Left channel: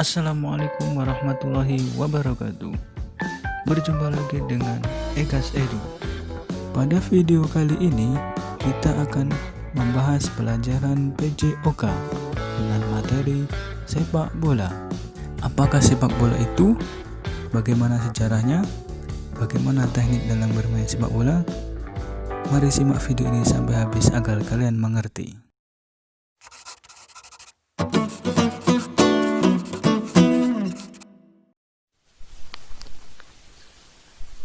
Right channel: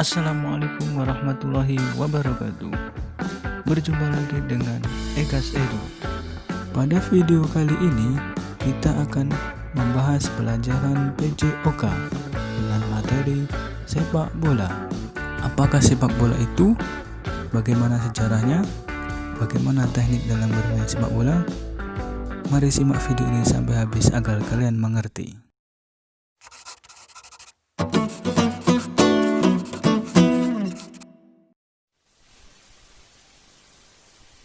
Assalamualaikum warahmatullahi wabarakatuh. Berjumpa lagi dengan Egas Edu. Pada video kali ini kita akan membahas pelajaran PJOK dengan materi sepak bola. Apakah sepak bola itu? Bagaimana sejarahnya? Bagaimana teknik dalam bermain sepak bola? Mari simak video ini sampai habis agar kalian mengerti.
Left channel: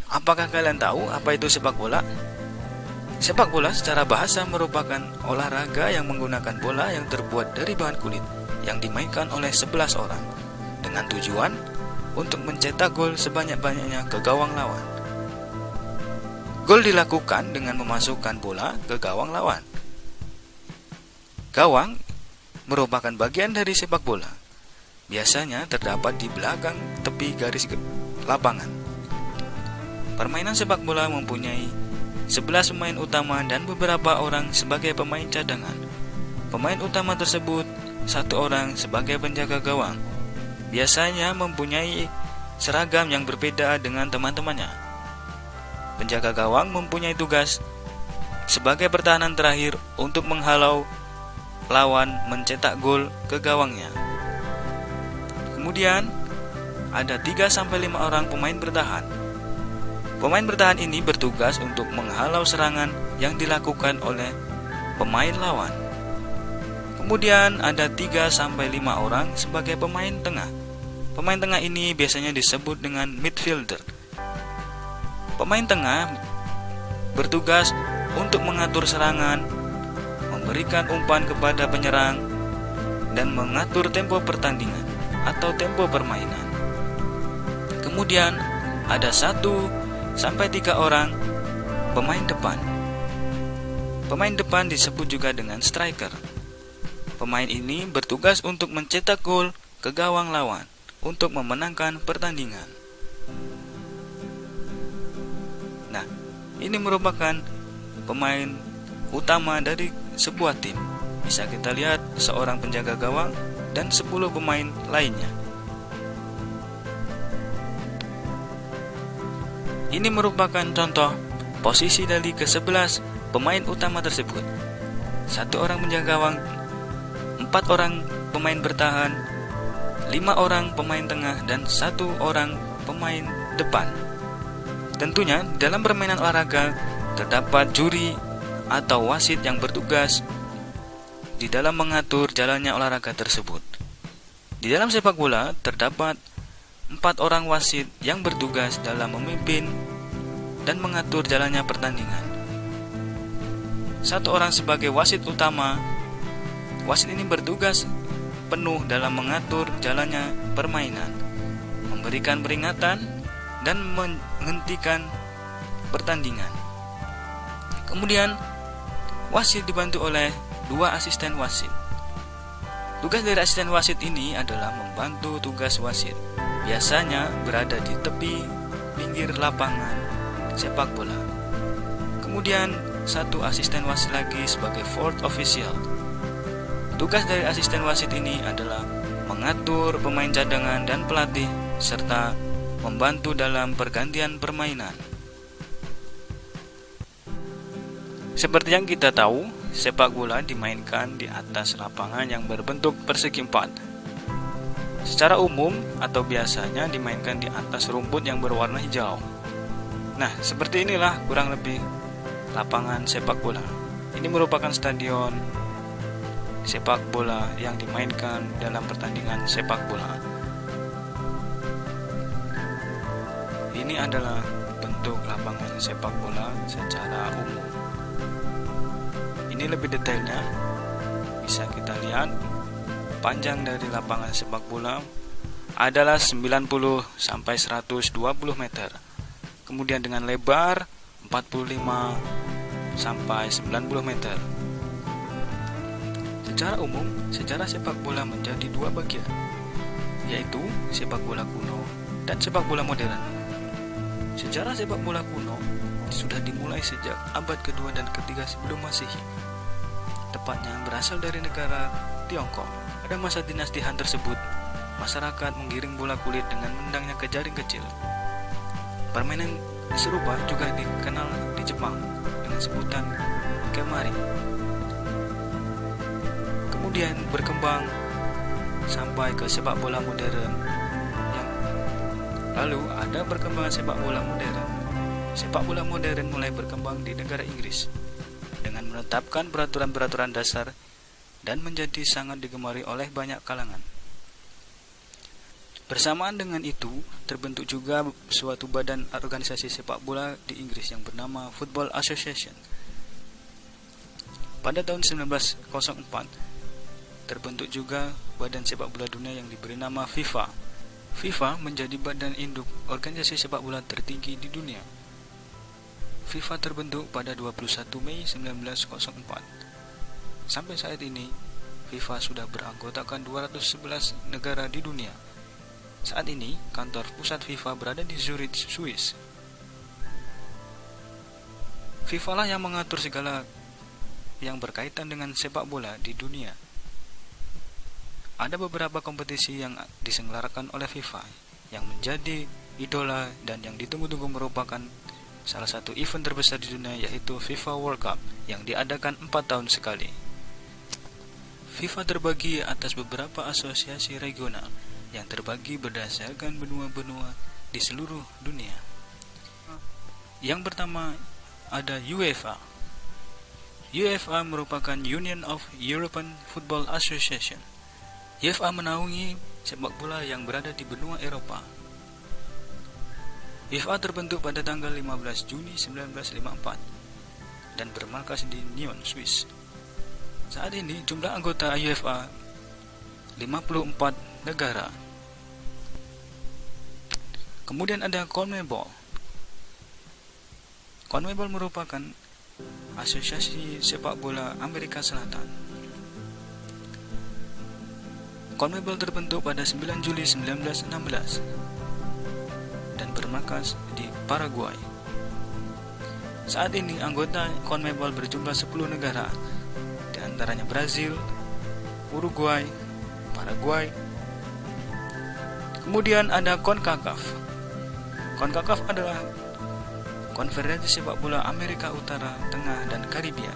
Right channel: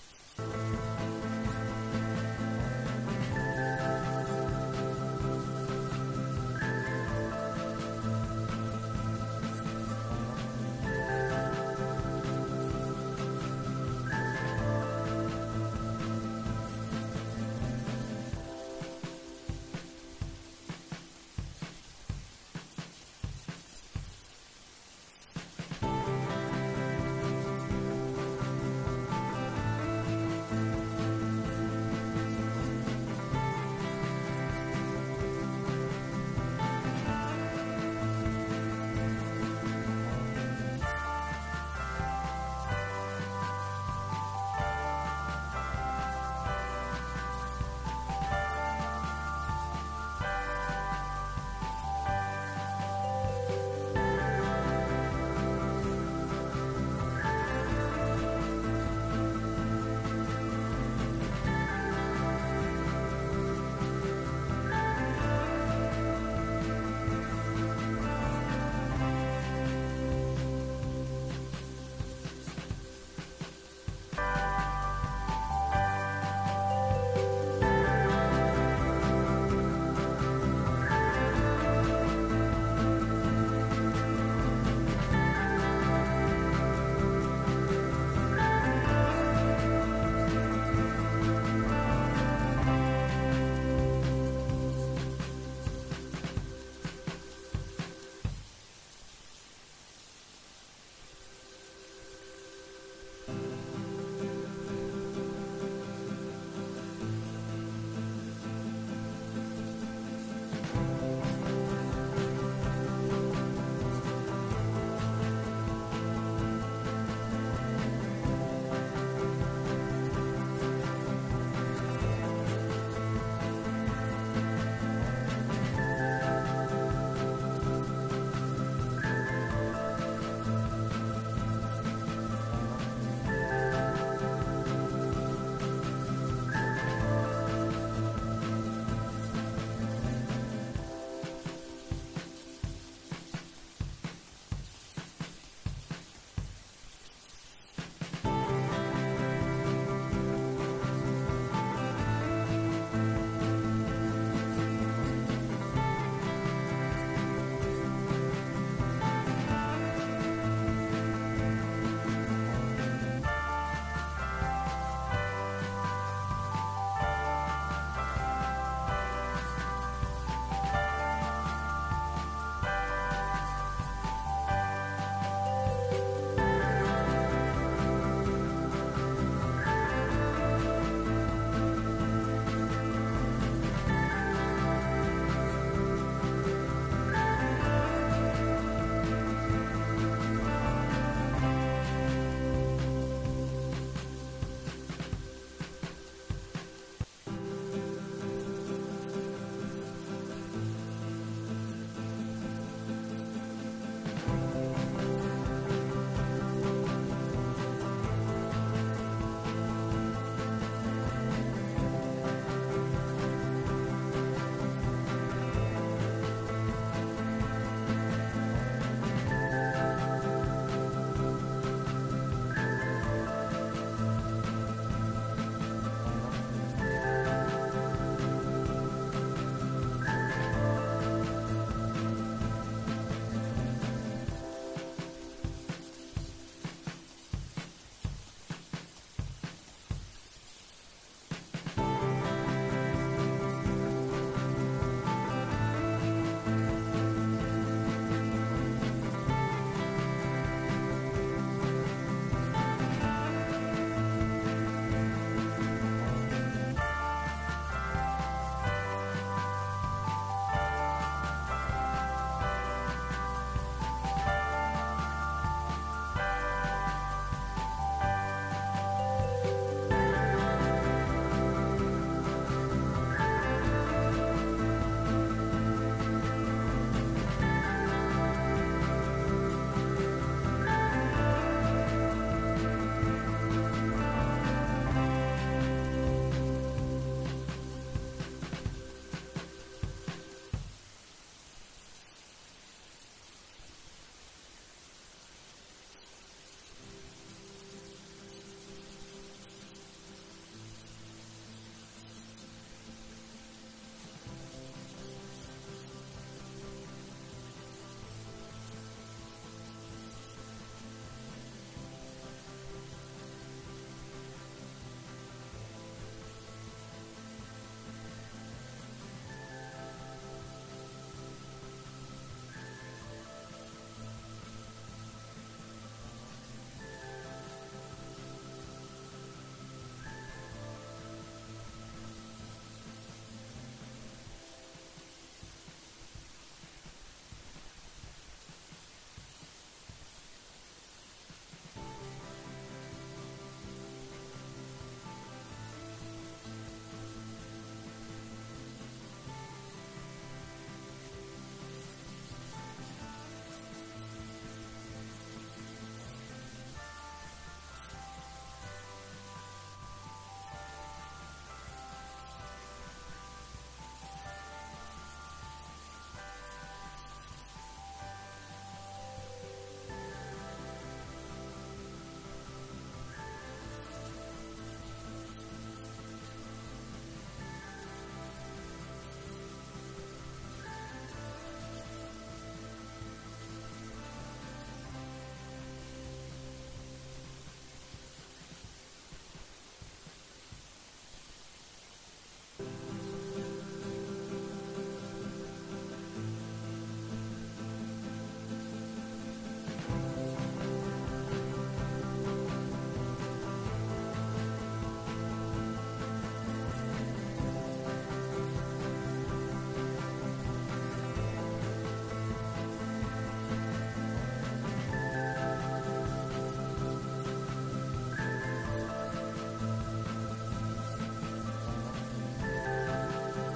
Apakah kalian tahu apa itu sepak bola? Sepak bola secara bahasa merupakan olahraga yang menggunakan bola yang terbuat dari bahan kulit yang dimainkan oleh 11 orang dengan tujuan untuk mencetak gol sebanyak-banyaknya ke gawang lawan. Gol dilakukan dengan memasukkan bola ke gawang lawan. Gawang merupakan bagian dari sepak bola. Biasanya terdapat di belakang tepi garis lapangan. Permainan sepak bola mempunyai 11 pemain utama dan beberapa orang sebagai pemain cadangan. Pemain utama tersebut satu orang sebagai penjaga gawang. Biasanya mempunyai seragam yang berbeda dengan teman-temannya. Penjaga gawang mempunyai tugas sebagai pertahanan terakhir untuk menghalau lawan mencetak gol ke gawangnya. Kemudian ada 3-5 orang pemain bertahan. Pemain bertahan ini bertugas untuk menghalau serangan yang dilakukan oleh pemain lawan. Kemudian ada 3-5 orang sebagai pemain tengah. Pemain tengah ini biasanya disebut dengan midfielder. Pemain tengah bertugas untuk mengatur serangan, memberikan umpan kepada penyerang, dan mengatur tempo pertandingan atau tempo permainan. Kemudian ada 1-3 orang pemain depan. Pemain depan disebut juga dengan striker. Pemain ini bertugas untuk mencetak gol ke gawang lawan untuk memenangkan pertandingan. Nah, ini merupakan pemain utama dari sebuah tim. Bisa kita lihat seorang penjaga gawang dan 10 pemain lainnya. Ini merupakan contoh posisi dari ke-11 pemain utama tersebut. 1 orang menjaga gawang, 4 orang pemain bertahan, 5 orang pemain tengah, dan 1 orang pemain depan. Tentunya dalam permainan olahraga terdapat juri atau wasit yang bertugas di dalam mengatur jalannya olahraga tersebut. Di dalam sepak bola terdapat 4 orang wasit yang bertugas dalam memimpin dan mengatur jalannya pertandingan. 1 orang sebagai wasit utama. Wasit ini bertugas penuh dalam mengatur jalannya permainan, memberikan peringatan, dan menghentikan pertandingan. Kemudian wasit dibantu oleh 2 asisten wasit. Tugas dari asisten wasit ini adalah membantu tugas wasit. Biasanya berada di tepi pinggir lapangan sepak bola. Kemudian 1 asisten wasit lagi sebagai fourth official. Tugas dari asisten wasit ini adalah mengatur pemain cadangan dan pelatih serta membantu dalam pergantian permainan. Seperti yang kita tahu, sepak bola dimainkan di atas lapangan yang berbentuk persegi 4. Secara umum atau biasanya dimainkan di atas rumput yang berwarna hijau. Nah, seperti inilah kurang lebih lapangan sepak bola. Ini merupakan stadion sepak bola yang dimainkan dalam pertandingan sepak bola. Ini adalah bentuk lapangan sepak bola secara umum. Ini lebih detailnya bisa kita lihat. Panjang dari lapangan sepak bola adalah 90 sampai 120 meter. Kemudian dengan lebar 45 sampai 90 meter. Secara umum, sejarah sepak bola menjadi 2 bagian, yaitu sepak bola kuno dan sepak bola modern. Sejarah sepak bola kuno sudah dimulai sejak abad kedua dan ketiga sebelum Masehi. Tepatnya berasal dari negara Tiongkok. Pada masa dinasti Han tersebut, masyarakat menggiring bola kulit dengan menendangnya ke jaring kecil. Permainan serupa juga dikenal di Jepang dengan sebutan kemari. Kemudian berkembang sampai ke sepak bola modern. Lalu ada perkembangan sepak bola modern. Sepak bola modern mulai berkembang di negara Inggris dengan menetapkan peraturan-peraturan dasar dan menjadi sangat digemari oleh banyak kalangan. Bersamaan dengan itu, terbentuk juga suatu badan organisasi sepak bola di Inggris yang bernama Football Association. Pada tahun 1904, terbentuk juga badan sepak bola dunia yang diberi nama FIFA. FIFA menjadi badan induk organisasi sepak bola tertinggi di dunia. FIFA terbentuk pada 21 Mei 1904. Sampai saat ini, FIFA sudah beranggotakan 211 negara di dunia. Saat ini, kantor pusat FIFA berada di Zurich, Swiss. FIFA lah yang mengatur segala yang berkaitan dengan sepak bola di dunia. Ada beberapa kompetisi yang diselenggarakan oleh FIFA yang menjadi idola dan yang ditunggu-tunggu merupakan salah satu event terbesar di dunia, yaitu FIFA World Cup yang diadakan 4 tahun sekali. FIFA terbagi atas beberapa asosiasi regional yang terbagi berdasarkan benua-benua di seluruh dunia. Yang pertama ada UEFA. UEFA merupakan Union of European Football Association. UEFA menaungi sepak bola yang berada di benua Eropa. UEFA terbentuk pada tanggal 15 Juni 1954 dan bermarkas di Nyon, Swiss. Saat ini jumlah anggota UEFA 54 negara. Kemudian ada CONMEBOL. CONMEBOL merupakan asosiasi sepak bola Amerika Selatan. CONMEBOL terbentuk pada 9 Juli 1916 dan bermarkas di Paraguay. Saat ini anggota CONMEBOL berjumlah 10 negara, di antaranya Brazil, Uruguay, Paraguay. Kemudian ada CONCACAF. CONCACAF adalah Konferensi Sepak Bola Amerika Utara, Tengah, dan Karibia.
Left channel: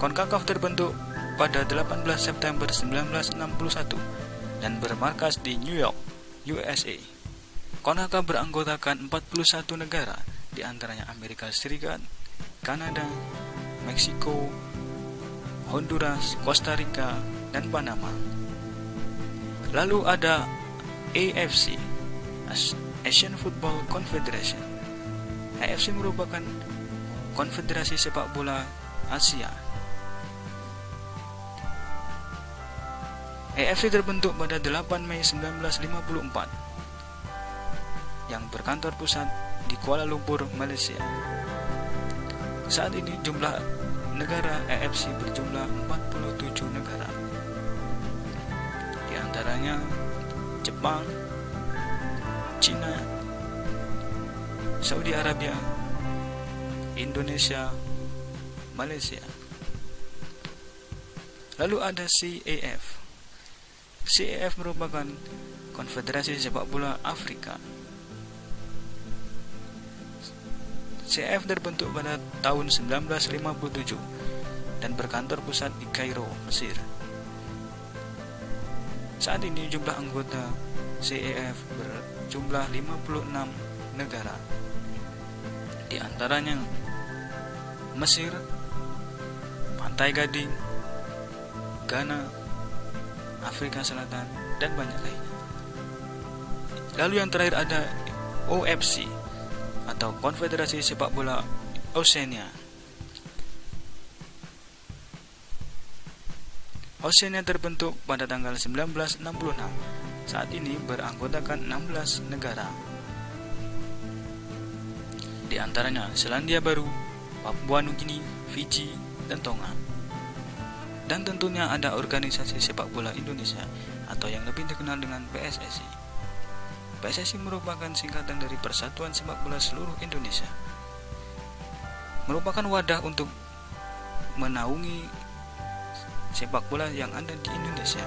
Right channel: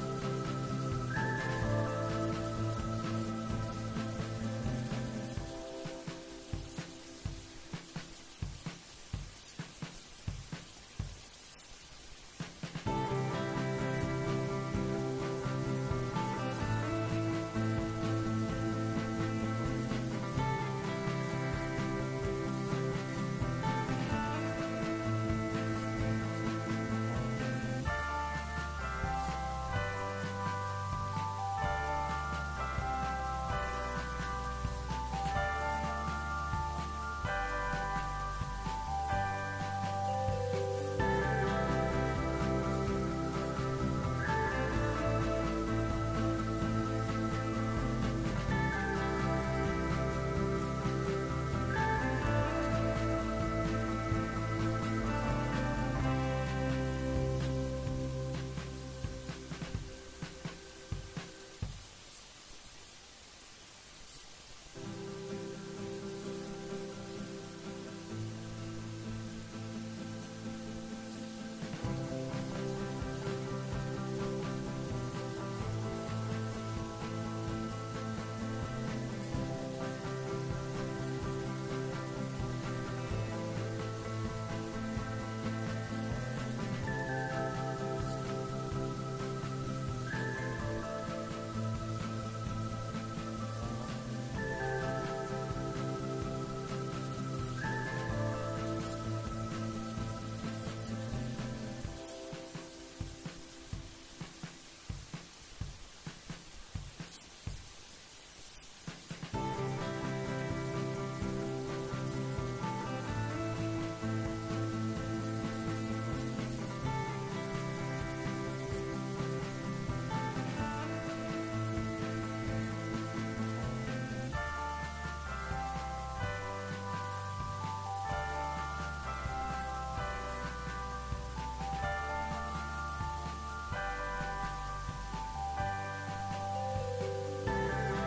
CONCACAF terbentuk pada 18 September 1961 dan bermarkas di New York, USA. CONCACAF beranggotakan 41 negara, di antaranya Amerika Serikat, Kanada, Meksiko, Honduras, Costa Rica, dan Panama. Lalu ada AFC, Asian Football Confederation. AFC merupakan konfederasi sepak bola Asia. AFC terbentuk pada 8 Mei 1954 yang berkantor pusat di Kuala Lumpur, Malaysia. Saat ini jumlah negara AFC berjumlah 47 negara. Di antaranya Jepang, China, Saudi Arabia, Indonesia, Malaysia. Lalu ada CAF. CAF merupakan Konfederasi Sepak Bola Afrika. CAF terbentuk pada tahun 1957 dan berkantor pusat di Kairo, Mesir. Saat ini jumlah anggota CAF berjumlah 56 negara. Di antaranya Mesir, Pantai Gading, Ghana, Afrika Selatan, dan banyak lainnya. Lalu yang terakhir ada OFC atau Konfederasi Sepak Bola Oceania. Oceania terbentuk pada tanggal 1966. Saat ini beranggotakan 16 negara. Di antaranya Selandia Baru, Papua Nugini, Fiji, dan Tonga. Dan tentunya ada organisasi sepak bola Indonesia atau yang lebih dikenal dengan PSSI. PSSI merupakan singkatan dari Persatuan Sepak Bola Seluruh Indonesia. Merupakan wadah untuk menaungi sepak bola yang ada di Indonesia.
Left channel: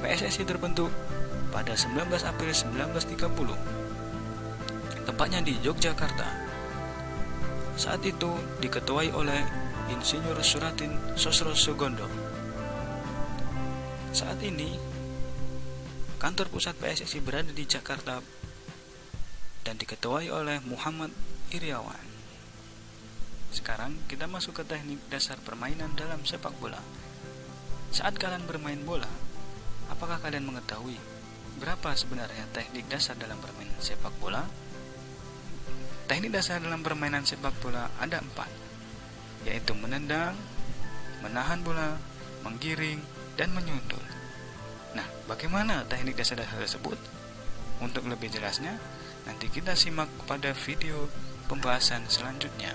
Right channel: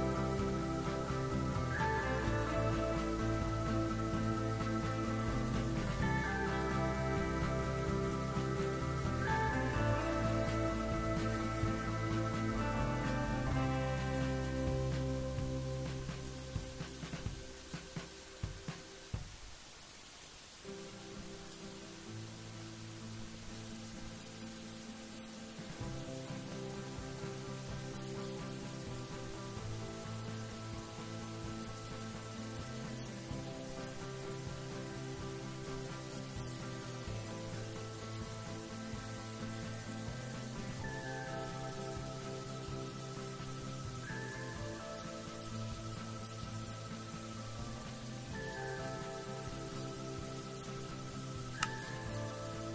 PSSI terbentuk 19 April 1930, tepatnya di Yogyakarta. Saat itu diketuai oleh Insinyur Suratin Sosro Sugondo. Saat ini kantor pusat PSSI berada di Jakarta dan diketuai oleh Muhammad Iriawan. Sekarang kita masuk ke teknik dasar permainan dalam sepak bola. Saat kalian bermain bola, apakah kalian mengetahui berapa sebenarnya teknik dasar dalam permainan sepak bola? Teknik dasar dalam permainan sepak bola ada 4, yaitu menendang, menahan bola, menggiring, dan menyundul. Nah, bagaimana teknik dasar tersebut? Untuk lebih jelasnya, nanti kita simak pada video pembahasan selanjutnya.